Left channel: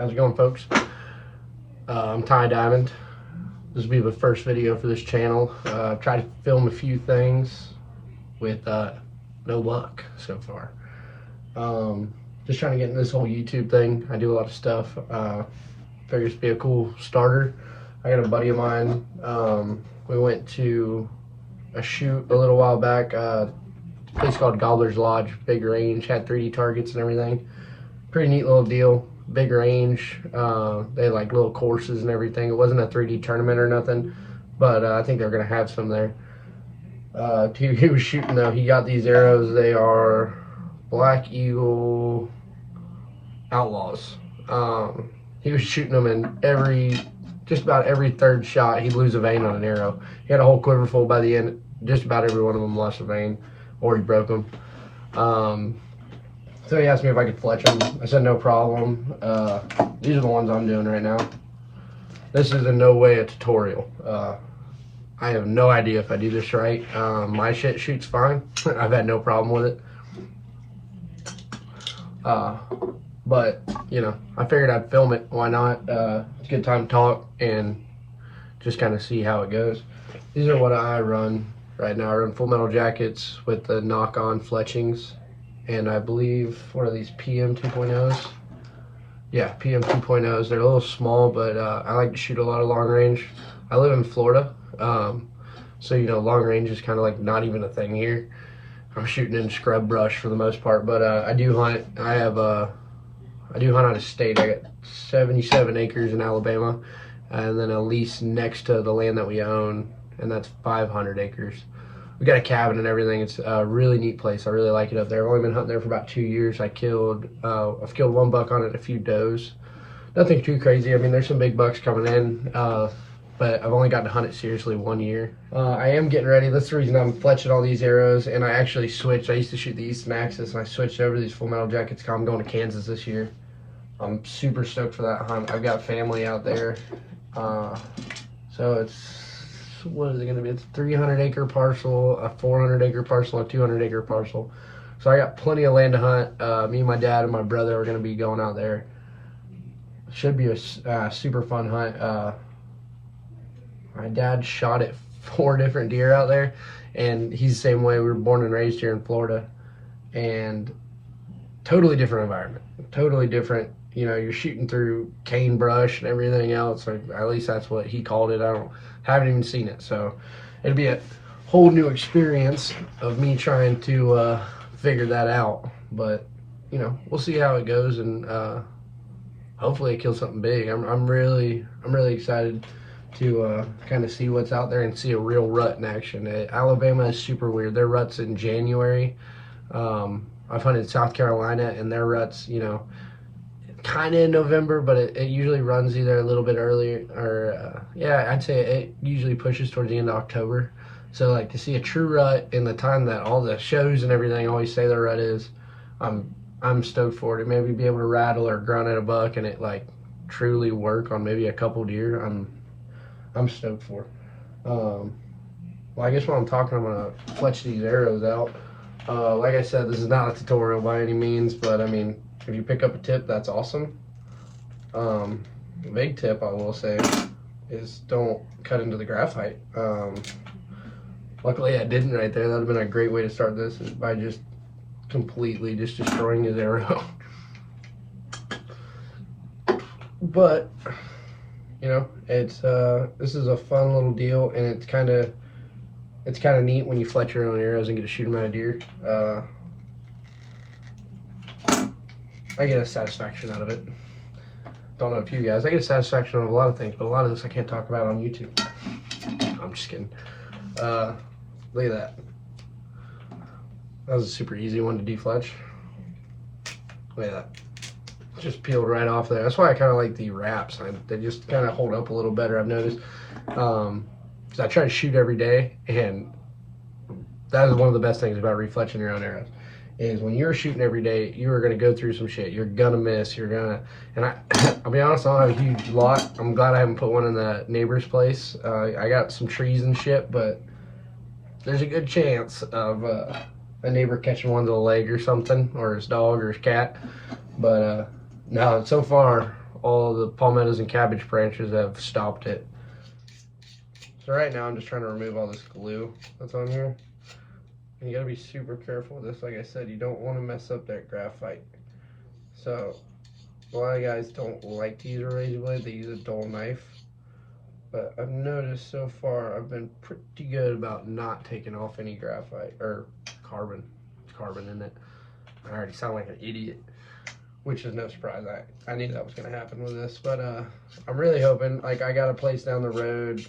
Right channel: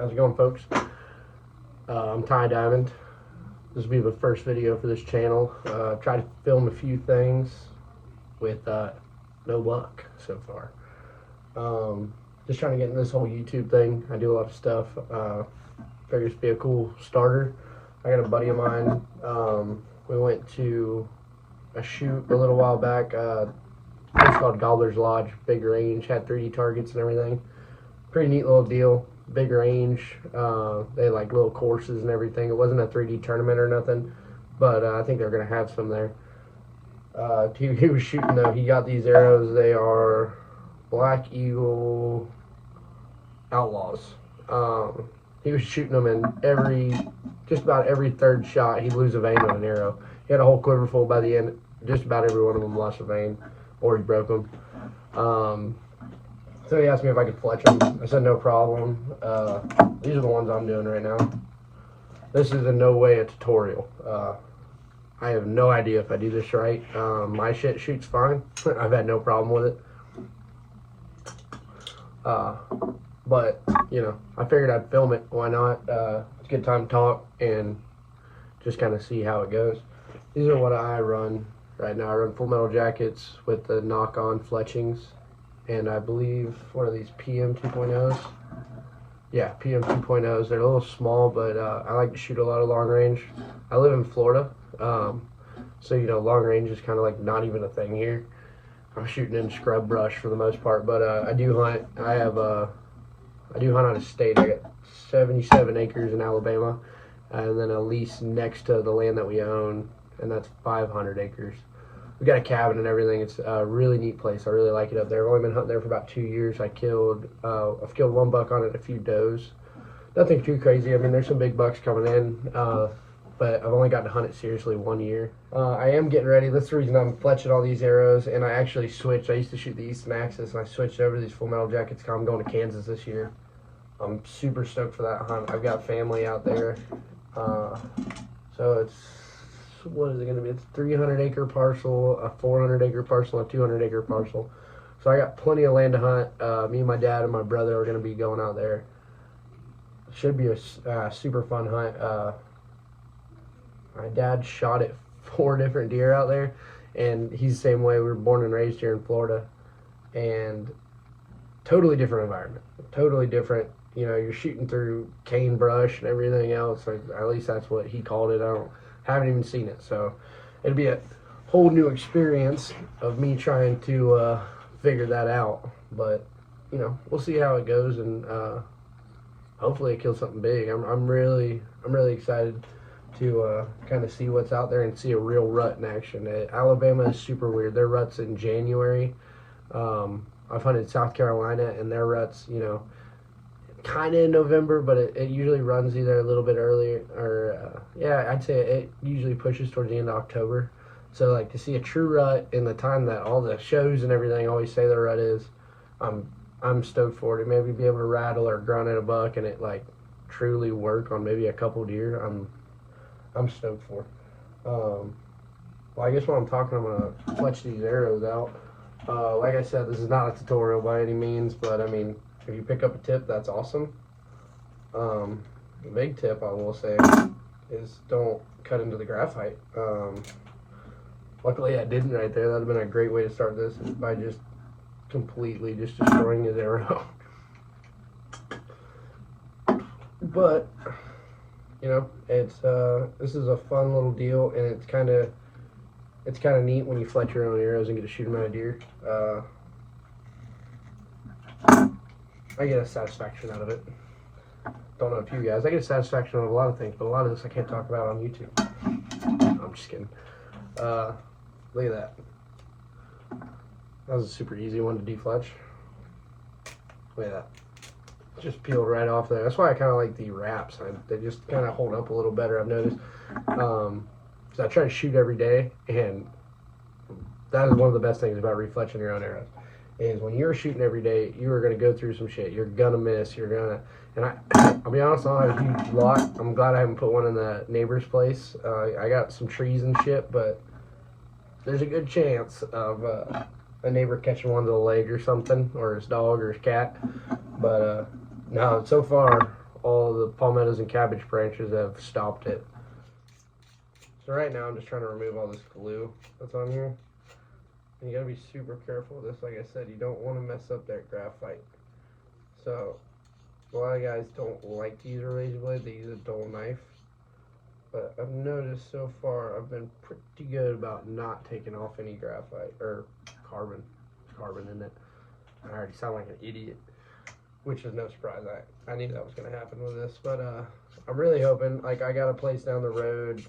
How's it going, folks? I'm Ty Diamond. This will be the first video for this channel. Tried to film a few things with no luck so far. Just trying to get into this whole YouTube thing. I do a lot of stuff. Figures to be a cool starter. I got a buddy of mine. We went to a shoot a little while back. It's called Gobbler's Lodge. Big range, had 3D targets and everything. Pretty neat little deal. Big range. They had like little courses and everything. It wasn't a 3D tournament or nothing, but I think they're gonna have some there. He was shooting though. He got these arrows. They are Black Eagle Outlaws. He was shooting them, and just about every third shot he'd lose a vein on an arrow. He had a whole quiver full by the end. Just about every one of them lost a vein, or he broke them. So he asked me if I could fletch them. I said no problem. These are the ones I'm doing right now. This is in no way a tutorial. I have no idea if I do this right. My shit shoots fine. I've had no problem with it. But, you know, I figured I'd film it. Why not? It's a good time to talk and just kind of see how it goes. These are what I run right now. I run full metal jackets with the knock-on fletchings. And I believe, what are these, PM 2.0s? Yeah, PM 2.0s. They're a little small, but I like to shoot a lot of long range. I live in Florida, so, you know, long range is kind of like not even a thing here. I'm shooting in scrub brush for the most part, but I do hunt. I do hunt out of state. I got 77 acres in Alabama, and then a lease next to the land that we own, and that's 500 acres. We got a cabin and everything. It's a really neat place. I really like it up there. I've only been hunting there for about 2 years. I've killed one buck on it, a few does. Nothing too crazy. I mean, there's some big bucks coming in, but I've only gotten to hunt it seriously 1 year. I am getting ready. That's the reason I'm fletching all these arrows, and I actually switched. I used to shoot the Easton Axis, and I switched over to these full metal jackets. I'm going to Kansas this year. I'm super stoked for that hunt. I've got a family out there, so it's, what is it going to be? It's a 300-acre parcel, a 400-acre parcel, a 200-acre parcel. So I got plenty of land to hunt. Me, my dad, and my brother are going to be going out there. Should be a super fun hunt. My dad shot at 4 different deer out there, and he's the same way. We were born and raised here in Florida, and totally different environment. Totally different. You know, you're shooting through cane brush and everything else, or at least that's what he called it. I haven't even seen it, so it'd be a whole new experience of me trying to figure that out. But you know, we'll see how it goes, and hopefully it kills something big. I'm really excited to kind of see what's out there and see a real rut in action. Alabama is super weird. Their rut's in January. I've hunted South Carolina, and their ruts, you know, kind of in November, but it usually runs either a little bit earlier, or yeah, I'd say it usually pushes towards the end of October. So like, to see a true rut in the time that all the shows and everything always say the rut is, I'm stoked for it. Maybe be able to rattle or grunt at a buck and it like truly work on maybe a couple deer. I'm stoked for. Well, I guess while I'm talking, I'm gonna fletch these arrows out. Like I said, this is not a tutorial by any means, but I mean, if you pick up a tip, that's awesome. The big tip I will say is don't cut into the graphite. Luckily I didn't right there. That would have been a great way to start this, is by just completely just destroying his arrow. But you know, it's this is a fun little deal, and it's kind of neat when you fletch your own arrows and get to shoot them at a deer. I get a satisfaction out of it. Don't know if you guys. I get a satisfaction out of a lot of things, but a lot of this I can't talk about on YouTube. I'm just kidding. Look at that. That was a super easy one to defletch. Look at that. Just peeled right off there. That's why I kind of like the wraps. They just kind of hold up a little better, I've noticed. So I try to shoot every day, and that is one of the best things about refletching your own arrows. Is when you're shooting every day, you are going to go through some shit. You're going to miss. You're going to... And I'll be honest, I don't have a huge lot. I'm glad I haven't put one in the neighbor's place. I got some trees and shit, but there's a good chance of a neighbor catching one to the leg or something, or his dog or his cat. But no, so far, all the palmettos and cabbage branches have stopped it. So right now I'm just trying to remove all this glue that's on here. And you gotta be super careful with this. Like I said, you don't want to mess up that graphite. So a lot of guys don't like to use a razor blade, they use a dull knife. But I've noticed so far I've been pretty good about not taking off any graphite or carbon. It's carbon in it. I already sound like an idiot, which is no surprise. I knew that was going to happen with this. But I'm really hoping, like, I got a place down the road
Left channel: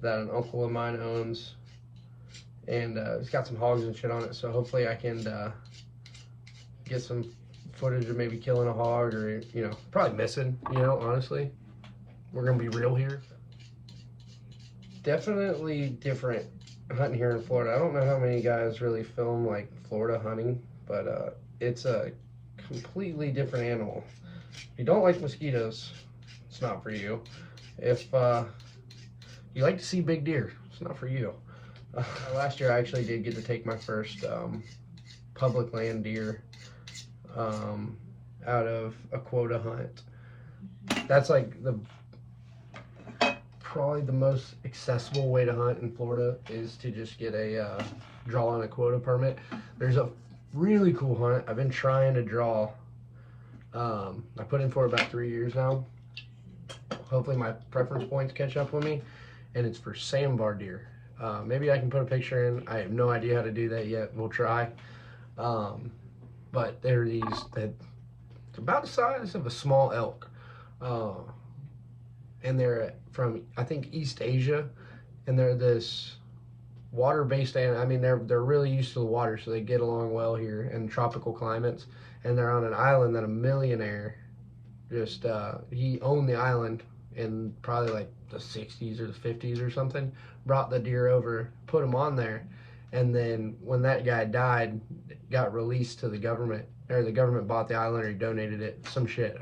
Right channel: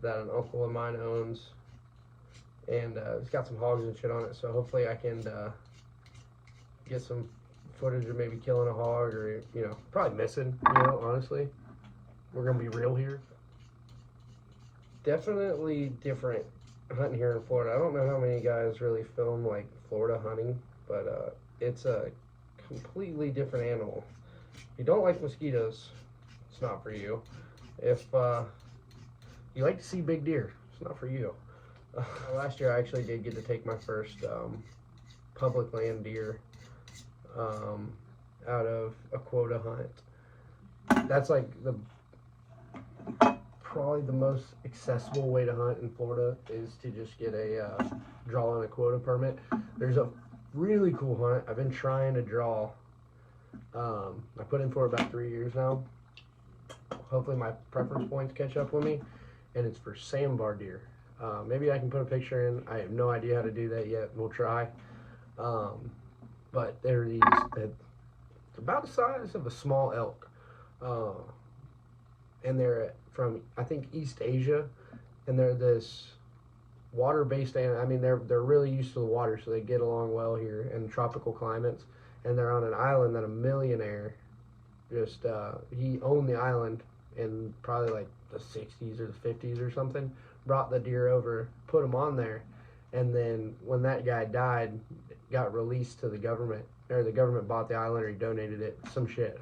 that an uncle of mine owns. And it's got some hogs and shit on it. So hopefully I can get some footage of maybe killing a hog or, you know, probably missing, you know, honestly. We're going to be real here. Definitely different hunting here in Florida. I don't know how many guys really film like Florida hunting, but it's a completely different animal. If you don't like mosquitoes, it's not for you. If you like to see big deer, it's not for you. Last year I actually did get to take my first public land deer out of a quota hunt. That's like probably the most accessible way to hunt in Florida is to just get a draw and a quota permit. There's a really cool hunt I've been trying to draw. I put in for it about 3 years now. Hopefully my preference points catch up with me, and it's for sandbar deer. Maybe I can put a picture in. I have no idea how to do that yet. We'll try. But they're these that it's about the size of a small elk. And they're from, I think, East Asia, and they're this water-based animal. I mean, they're really used to the water, so they get along well here in tropical climates. And they're on an island that a millionaire just he owned the island in probably like the 60s or the 50s or something. Brought the deer over, put them on there, and then when that guy died, it got released to the government, or the government bought the island or he donated it. Some shit.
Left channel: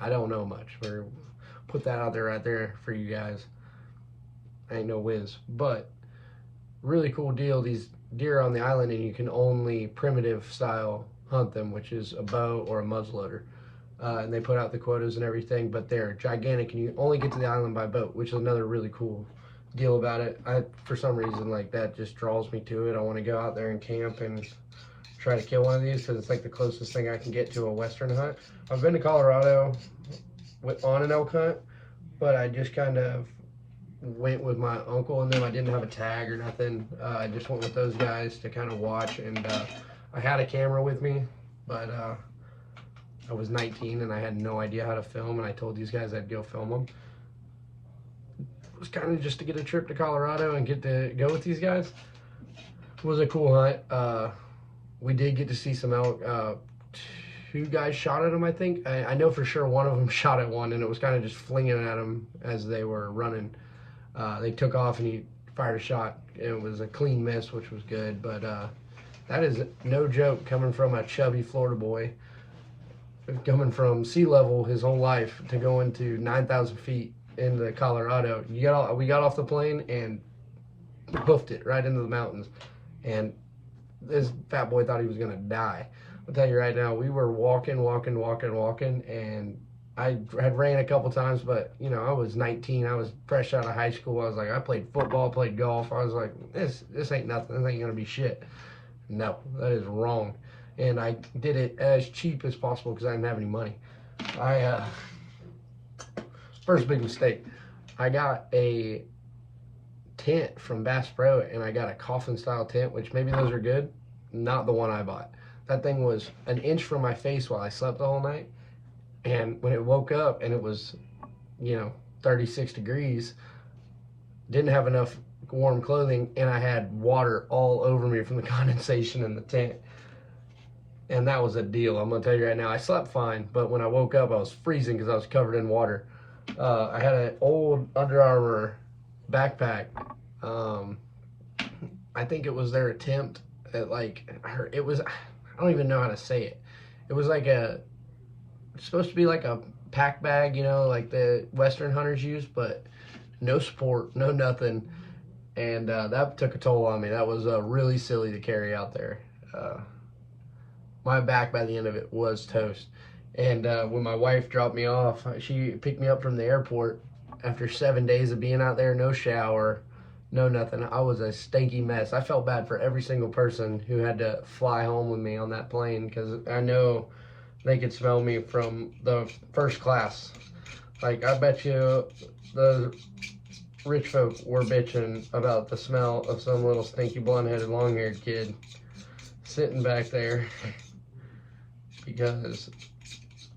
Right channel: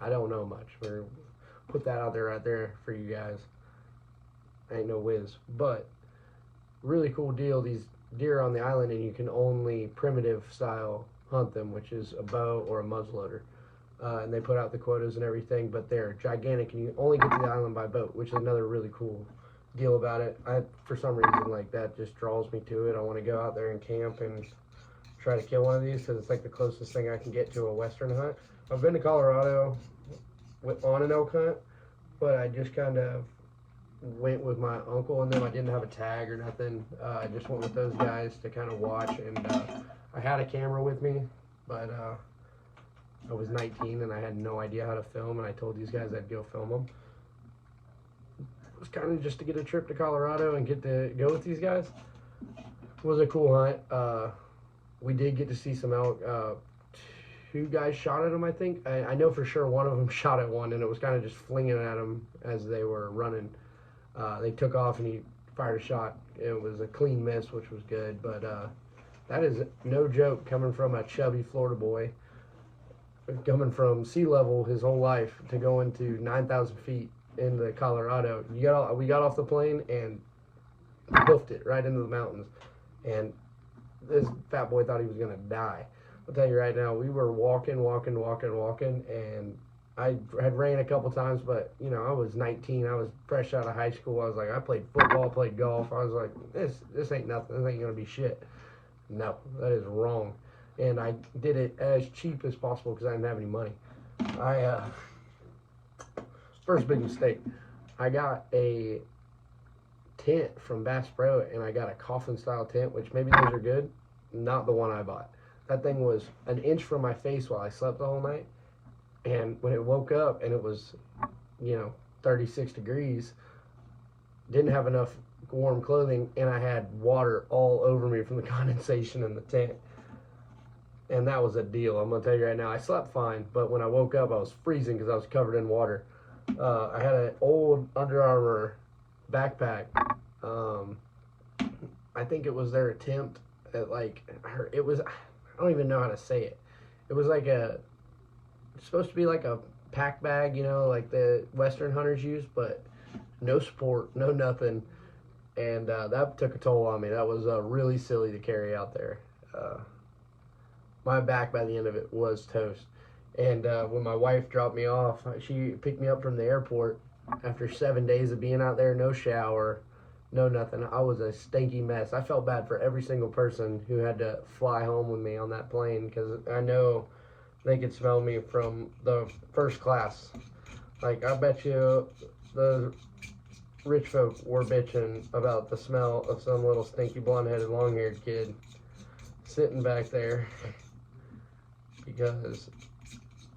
I don't know much. Put that out there right there for you guys. I ain't no whiz, but really cool deal. These deer on the island, and you can only primitive style hunt them, which is a bow or a muzzleloader. And they put out the quotas and everything, but they're gigantic, and you only get to the island by boat, which is another really cool deal about it. For some reason, like, that just draws me to it. I want to go out there and camp and try to kill one of these because it's like the closest thing I can get to a western hunt. I've been to Colorado on an elk hunt, but I just kind of went with my uncle, and then I didn't have a tag or nothing. I just went with those guys to kind of watch, and I had a camera with me, but I was 19 and I had no idea how to film, and I told these guys I'd go film them. It was kind of just to get a trip to Colorado and get to go with these guys. It was a cool hunt. We did get to see some elk. 2 guys shot at them, I think. I know for sure one of them shot at one, and it was kind of just flinging at them as they were running. They took off, and he fired a shot. It was a clean miss, which was good, but that is no joke coming from a chubby Florida boy, coming from sea level his whole life to go into 9,000 feet into Colorado. We got off the plane and hoofed it right into the mountains, and this fat boy thought he was gonna die. I'll tell you right now, we were walking, and I had ran a couple times, but, you know, I was 19. I was fresh out of high school. I was like, I played football, played golf. I was like, this ain't nothing. This ain't going to be shit. No, that is wrong. And I did it as cheap as possible because I didn't have any money. First big mistake. I got a tent from Bass Pro, and I got a coffin-style tent, which maybe those are good. Not the one I bought. That thing was an inch from my face while I slept the whole night. And when it woke up and it was, you know, 36 degrees, didn't have enough warm clothing, and I had water all over me from the condensation in the tent. And that was a deal. I'm going to tell you right now, I slept fine, but when I woke up, I was freezing because I was covered in water. I had an old Under Armour backpack. I think it was their attempt at, like, it was, I don't even know how to say it. It was like it's supposed to be like a pack bag, you know, like the Western hunters use, but no support, no nothing. And that took a toll on me. That was really silly to carry out there. My back by the end of it was toast. And when my wife dropped me off, she picked me up from the airport after 7 days of being out there, no shower, no nothing. I was a stinky mess. I felt bad for every single person who had to fly home with me on that plane because I know they could smell me from the first class. Like, I bet you the rich folk were bitching about the smell of some little stinky blonde-headed long-haired kid sitting back there because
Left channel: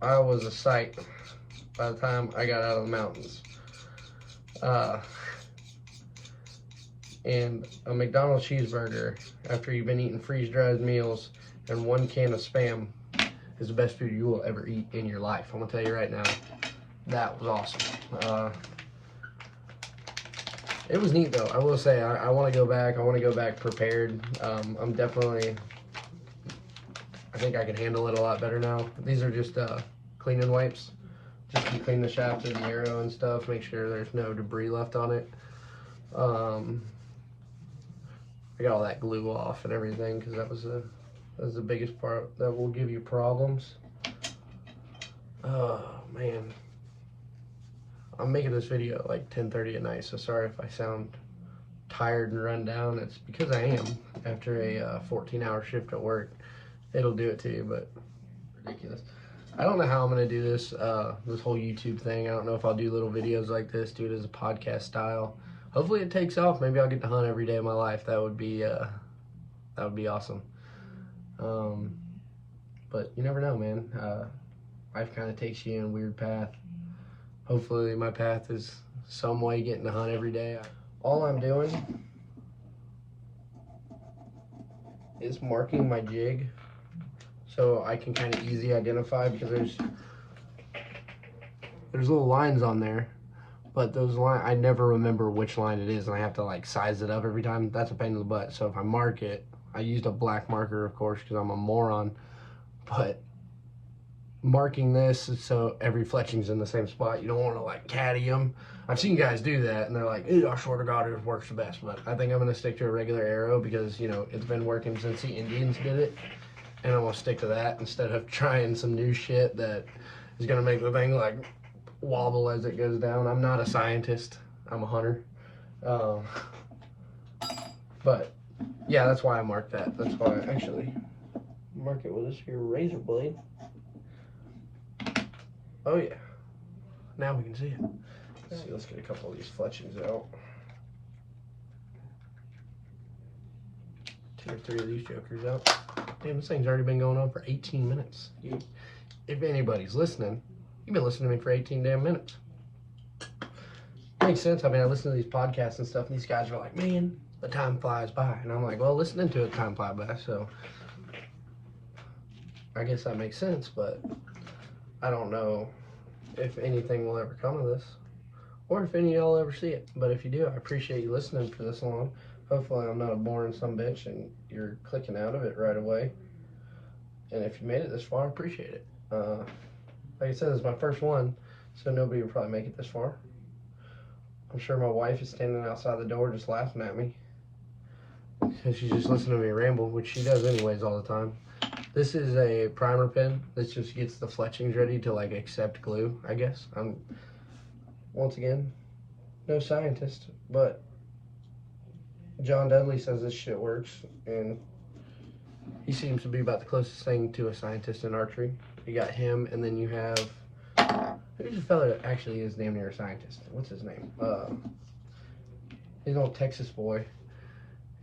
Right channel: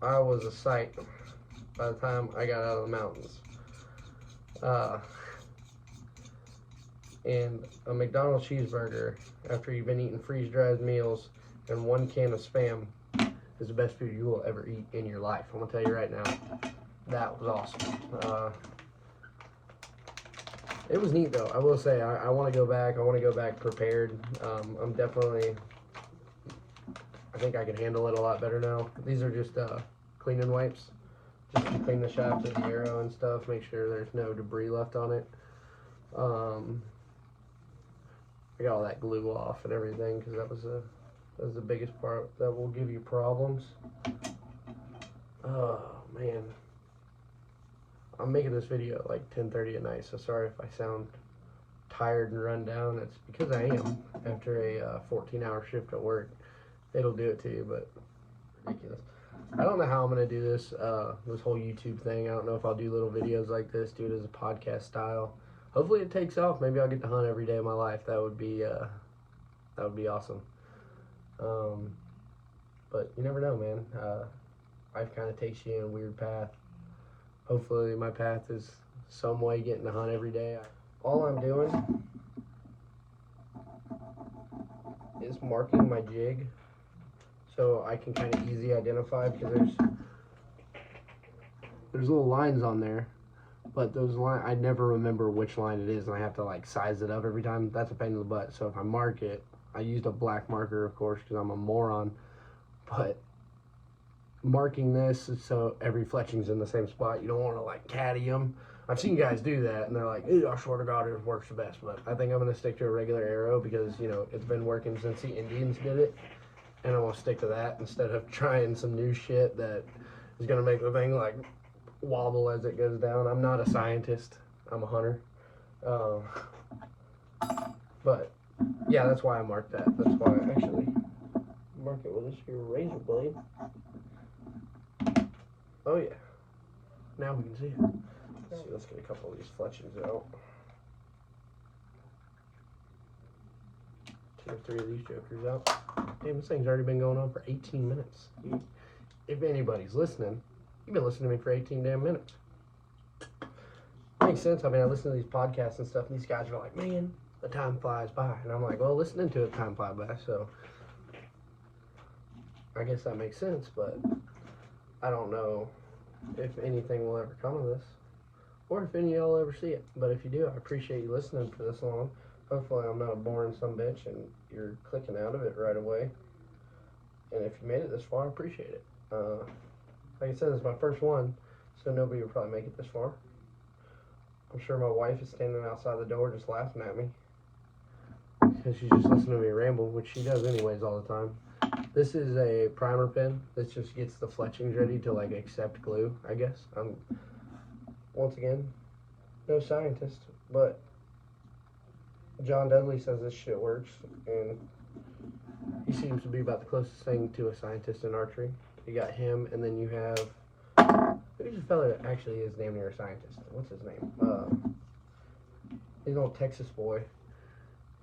I was a sight by the time I got out of the mountains. And a McDonald's cheeseburger after you've been eating freeze-dried meals and 1 can of Spam is the best food you will ever eat in your life. I'm gonna tell you right now, that was awesome. It was neat though. I will say I want to go back. I want to go back prepared. I'm definitely. I think I can handle it a lot better now. These are just cleaning wipes, just to clean the shaft of the Arrow and stuff. Make sure there's no debris left on it. I got all that glue off and everything because that was the biggest part that will give you problems. Oh man. I'm making this video at like 10:30 at night, so sorry if I sound tired and run down. It's because I am after a 14-hour shift at work. It'll do it to you, but ridiculous. I don't know how I'm gonna do this this whole YouTube thing. I don't know if I'll do little videos like this, do it as a podcast style. Hopefully it takes off. Maybe I'll get to hunt every day of my life. That would be awesome. But you never know, man. Life kind of takes you in a weird path. Hopefully my path is some way getting to hunt every day. All I'm doing is marking my jig so I can kind of easy identify because there's little lines on there, but those lines, I never remember which line it is and I have to like size it up every time. That's a pain in the butt. So if I mark it, I used a black marker of course because I'm a moron, but marking this so every fletching's in the same spot. You don't want to like caddy them. I've seen guys do that and they're like, I swear to God it works the best, but I think I'm going to stick to a regular arrow because, you know, it's been working since the Indians did it, and I want to stick to that instead of trying some new shit that is going to make the thing like wobble as it goes down. I'm not a scientist, I'm a hunter. But yeah, that's why I marked that. That's why I actually mark it with this here razor blade. Oh yeah, now we can see it. Let's see, let's get a couple of these fletchings out. 2 or 3 of these jokers out. Damn, this thing's already been going on for 18 minutes. If anybody's listening, you've been listening to me for 18 damn minutes. Makes sense. I mean, I listen to these podcasts and stuff, and these guys are like, man, the time flies by. And I'm like, well, listening to it, time flies by, so I guess that makes sense, but I don't know if anything will ever come of this or if any of y'all ever see it. But if you do, I appreciate you listening for this long. Hopefully I'm not a boring sumbitch and you're clicking out of it right away. And if you made it this far, I appreciate it. Like I said, this is my first one, so nobody will probably make it this far. I'm sure my wife is standing outside the door just laughing at me because she's just listening to me ramble, which she does anyways all the time. This is a primer pen. This just gets the fletchings ready to like accept glue, I guess. I'm, once again, no scientist, but John Dudley says this shit works, and he seems to be about the closest thing to a scientist in archery. You got him, and then you have, who's a fella that actually is damn near a scientist? What's his name? He's an old Texas boy.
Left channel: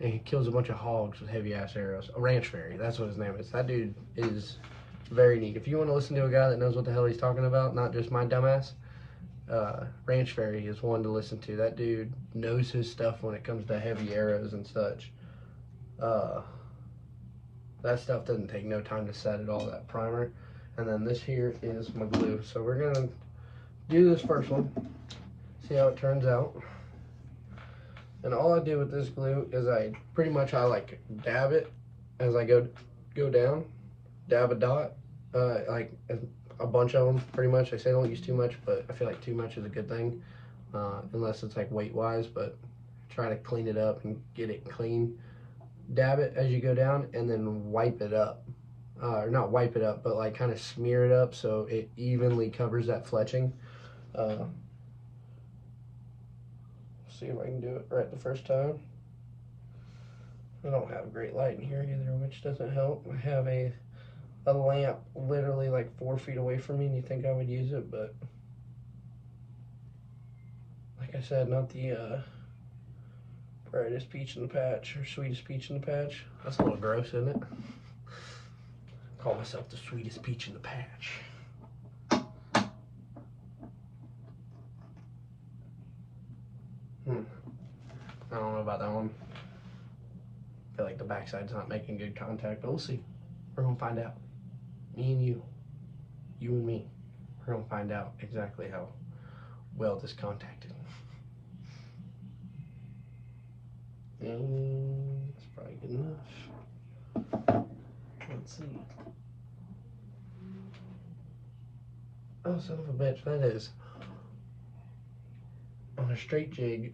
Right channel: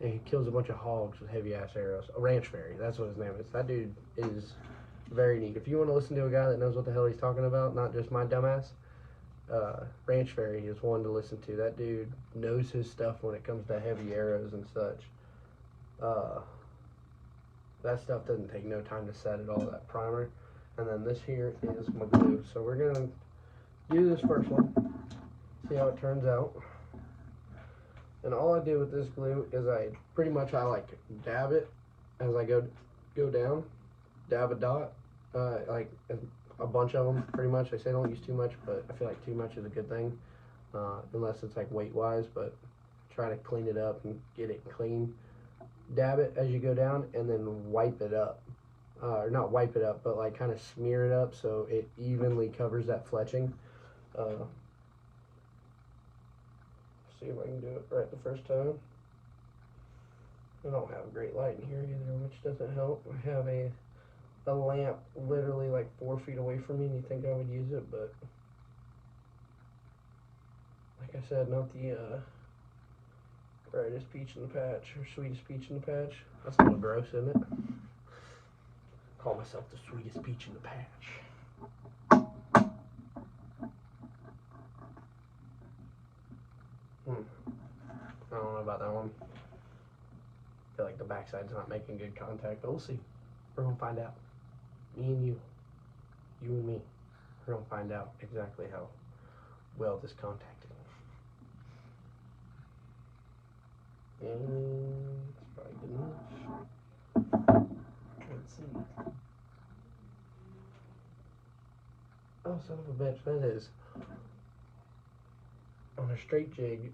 And he kills a bunch of hogs with heavy ass arrows. A ranch fairy, that's what his name is. That dude is very neat. If you want to listen to a guy that knows what the hell he's talking about, not just my dumbass, ranch fairy is one to listen to. That dude knows his stuff when it comes to heavy arrows and such. That stuff doesn't take no time to set at all, that primer. And then this here is my glue. So we're gonna do this first one, see how it turns out. And all I do with this glue is I like dab it as I go down, dab a dot, like a bunch of them pretty much. I say don't use too much, but I feel like too much is a good thing, unless it's like weight wise, but try to clean it up and get it clean. Dab it as you go down and then wipe it up. or not wipe it up, but like kind of smear it up so it evenly covers that fletching. See if I can do it right the first time. I don't have great light in here either, which doesn't help. I have a lamp literally like 4 feet away from me, and you think I would use it, but like I said, not the brightest peach in the patch or sweetest peach in the patch. That's a little gross, isn't it? Call myself the sweetest peach in the patch. I don't know about that one. I feel like the backside's not making good contact, but we'll see. We're gonna find out. Me and you and me, we're gonna find out exactly how well this contacted. And it's probably good enough. Let's see. Oh, son of a bitch, that is on a straight jig.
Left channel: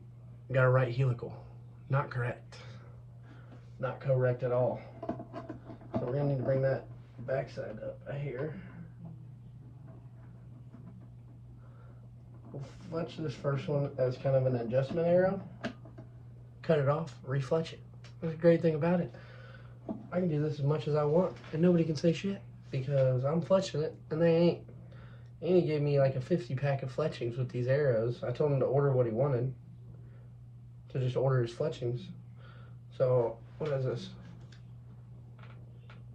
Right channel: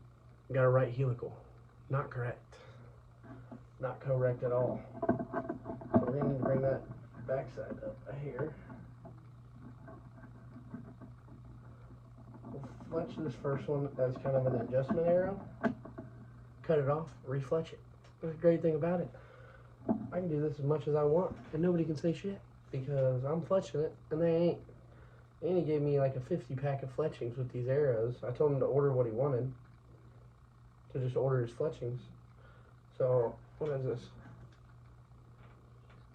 Got a right helical. Not correct. Not correct at all. So we're gonna need to bring that backside up here. We'll fletch this first one as kind of an adjustment arrow. Cut it off, refletch it. That's the great thing about it. I can do this as much as I want, and nobody can say shit because I'm fletching it, and they ain't. And he gave me like a 50 pack of fletchings with these arrows. I told him to order what he wanted, to just order his fletchings. So, what is this?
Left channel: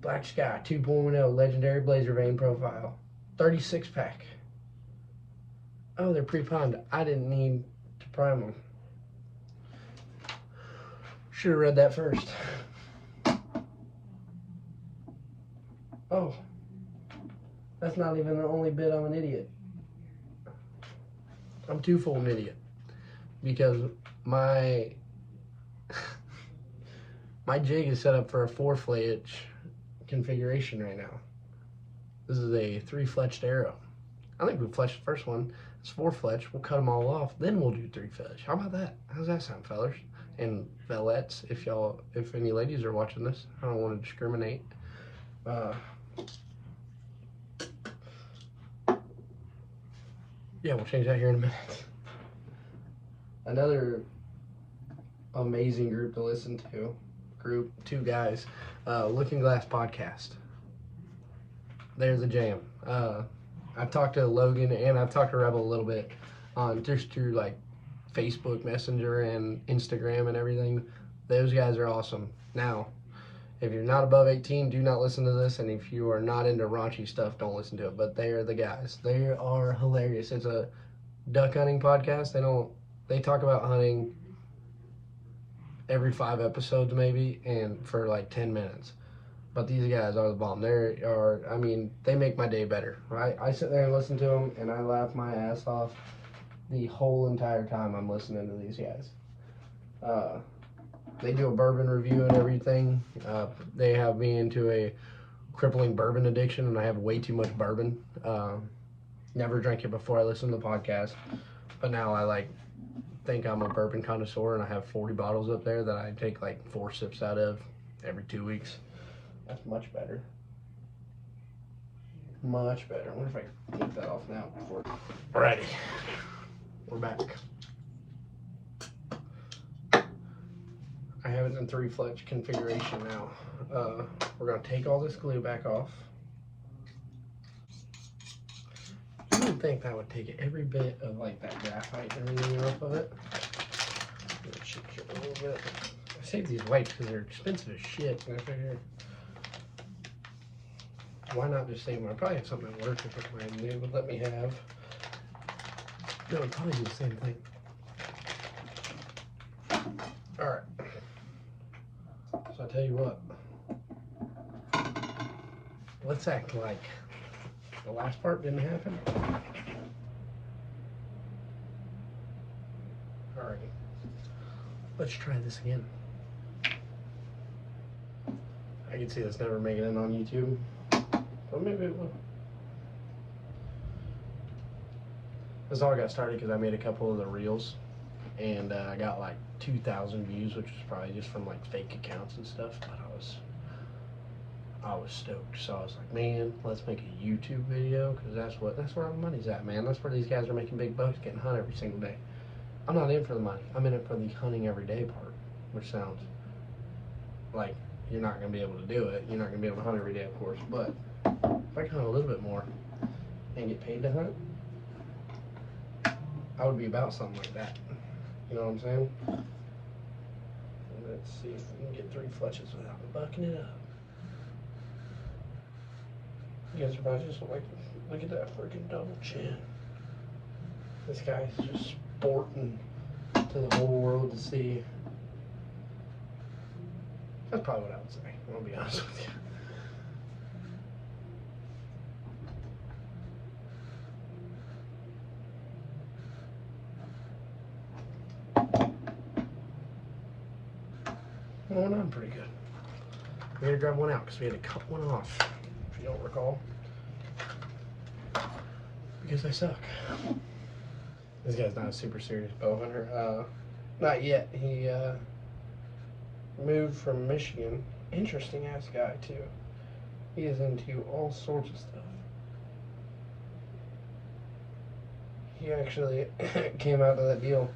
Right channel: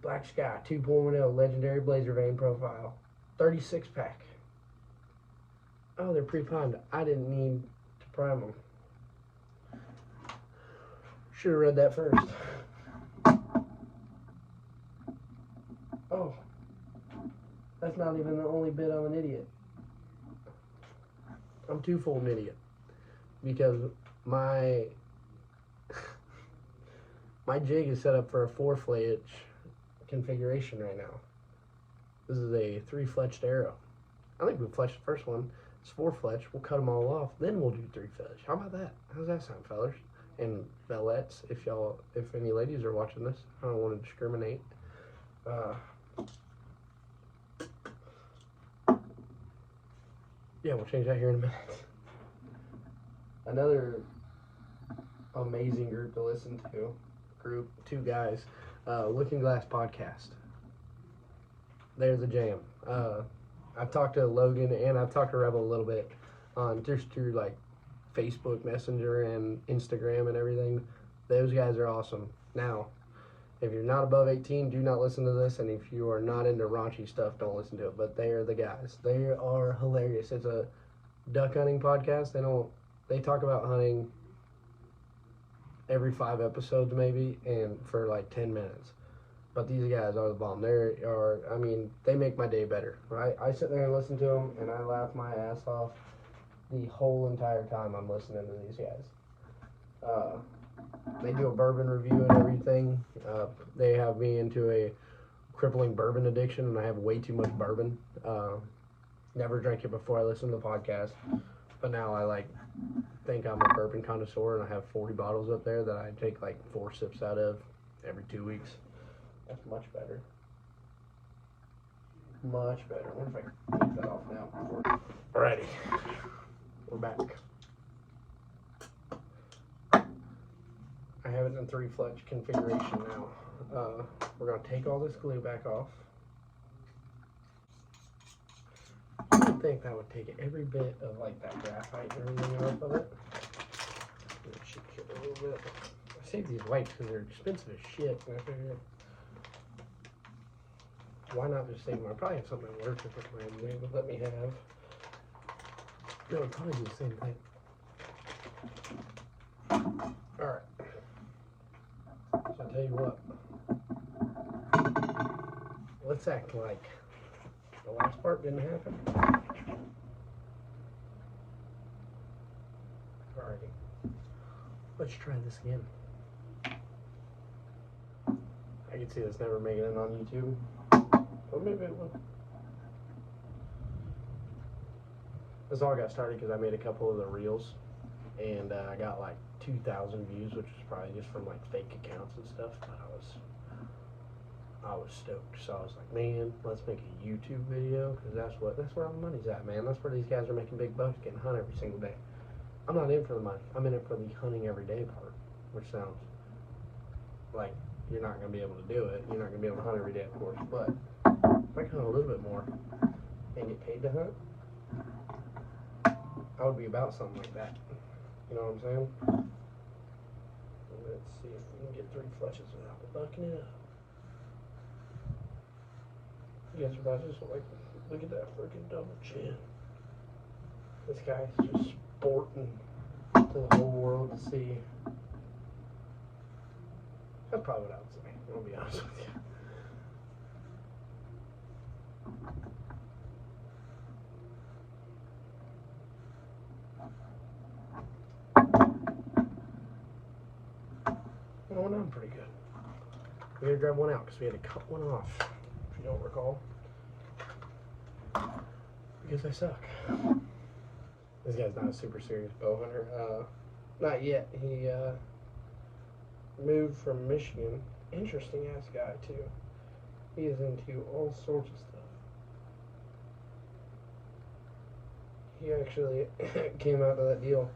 Black Sky 2.0 Legendary Blazer Vein Profile. 36 pack. Oh, they're pre-primed. I didn't need to prime them. Should have read that first. Oh, that's not even the only bit I'm an idiot. I'm twofold an idiot. Because my jig is set up for a 4 fletch configuration right now. This is a 3 fletched arrow. I think we fletched the first one. It's 4 fletch. We'll cut them all off. Then we'll do 3 fletch. How about that? How's that sound, fellers? And fellettes, if any ladies are watching this, I don't want to discriminate. Yeah, we'll change that here in a minute. Another amazing group to listen to. Group, 2 guys. Looking Glass Podcast. There's a jam. I've talked to Logan and I've talked to Rebel a little bit on just through like Facebook Messenger and Instagram and everything. Those guys are awesome. Now, if you're not above 18, do not listen to this, and if you are not into raunchy stuff, don't listen to it. But they are the guys. They are hilarious. It's a duck hunting podcast. They talk about hunting every 5 episodes maybe, and for like 10 minutes. But these guys are the bomb. They make my day better. Right? I sit there and listen to them, and I laugh my ass off the whole entire time I'm listening to these guys. They do a bourbon review and everything. They have me into a crippling bourbon addiction, and I have way too much bourbon. Never drank it before I listened to the podcast, but now I think I'm a bourbon connoisseur, and I have 40 bottles up there that I take like 4 sips out of every 2 weeks. That's much better. Much better. I wonder if I can keep that off now. Alrighty, we're back. I have it in 3 fletch configuration now. We're going to take all this glue back off. I think that would take every bit of like that graphite and everything off of it. I saved these wipes because they're expensive as shit. And I figured, why not just save them? I probably have something at work if they would let me have. That would probably do the same thing. Alright. So I tell you what, let's act like the last part didn't happen. Alright, let's try this again. I can see this never making it on YouTube, but maybe it will. This all got started because I made a couple of the reels, and I got like 2,000 views, which was probably just from like fake accounts and stuff. But I was stoked. So I was like, man, let's make a YouTube video, because that's where all the money's at, man. That's where these guys are making big bucks, getting hunt every single day. I'm not in for the money. I'm in it for the hunting every day part, which sounds like you're not going to be able to do it. You're not going to be able to hunt every day, of course. But if I can hunt a little bit more and get paid to hunt, I would be about something like that. You know what I'm saying? Let's see if we can get 3 fletches without me bucking it up. You guys are probably just like, look at that freaking double chin. This guy's just sporting to the whole world to see. That's probably what I would say. I'm gonna be honest with you. Went on pretty good. We had to grab one out because we had to cut one off, if you don't recall. Because I suck. This guy's not a super serious bow hunter. Not yet. He moved from Michigan. Interesting ass guy too. He is into all sorts of stuff. He actually came out of that deal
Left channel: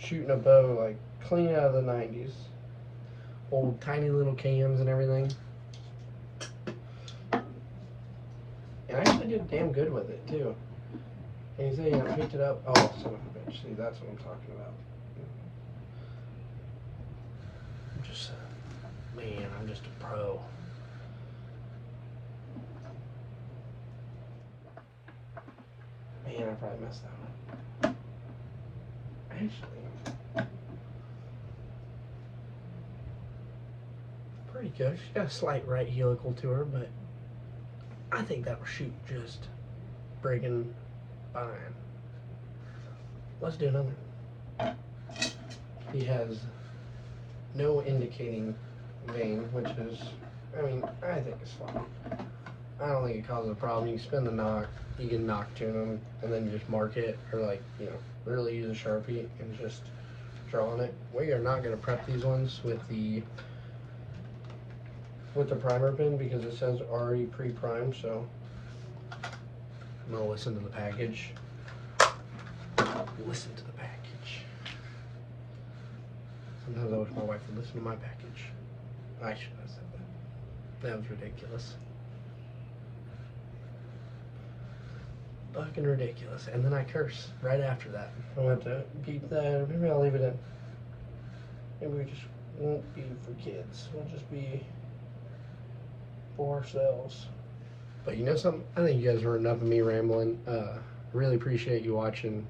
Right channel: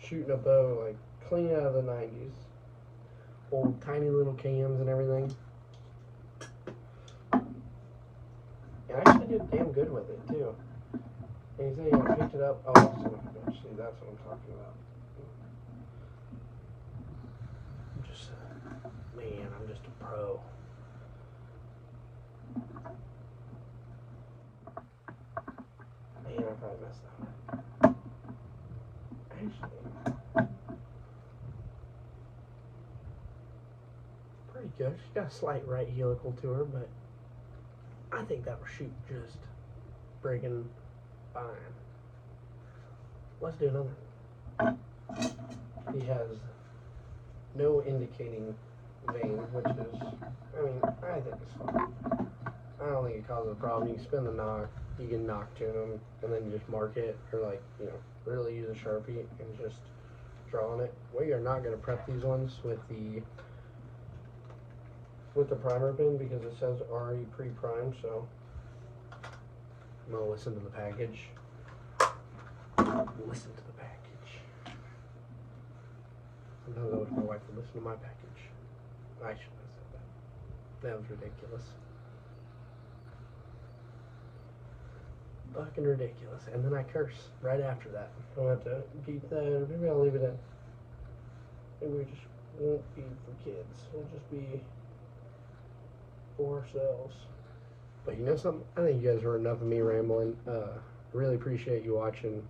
shooting a bow like clean out of the 90s. Old tiny little cams and everything. And I actually did damn good with it too. And he said he picked it up. Oh, son of a bitch. See, that's what I'm talking about. Just, man, I'm just a pro. Man, I probably messed that one. Actually, pretty good. She's got a slight right helical to her, but I think that'll shoot just friggin' fine. Let's do another. He has no indicating vein, which is, I mean, I think it's fine. I don't think it causes a problem. You can spin the knock, you can knock tune them, and then just mark it, or like, you know, really use a Sharpie and just draw on it. We are not going to prep these ones with the primer pin because it says already pre-primed, so I'm going to listen to the package. Listen to the package. Sometimes I wish my wife would listen to my package. I shouldn't have said that. That was ridiculous. Fucking ridiculous. And then I curse right after that. I'm going to have to keep that. Maybe I'll leave it in. Maybe we just won't be for kids. We'll just be for ourselves. But you know something? I think you guys heard enough of me rambling. Really appreciate you watching,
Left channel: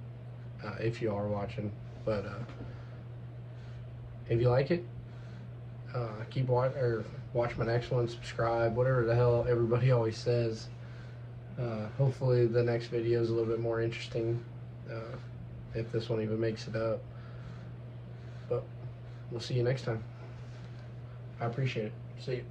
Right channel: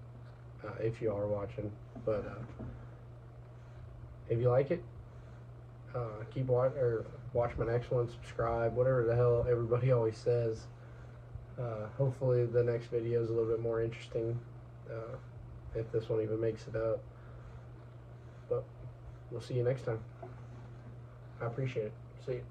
if you are watching. But if you like it, keep watching, or watch my next one, subscribe, whatever the hell everybody always says. Hopefully the next video is a little bit more interesting, if this one even makes it up. But we'll see you next time. I appreciate it. See you.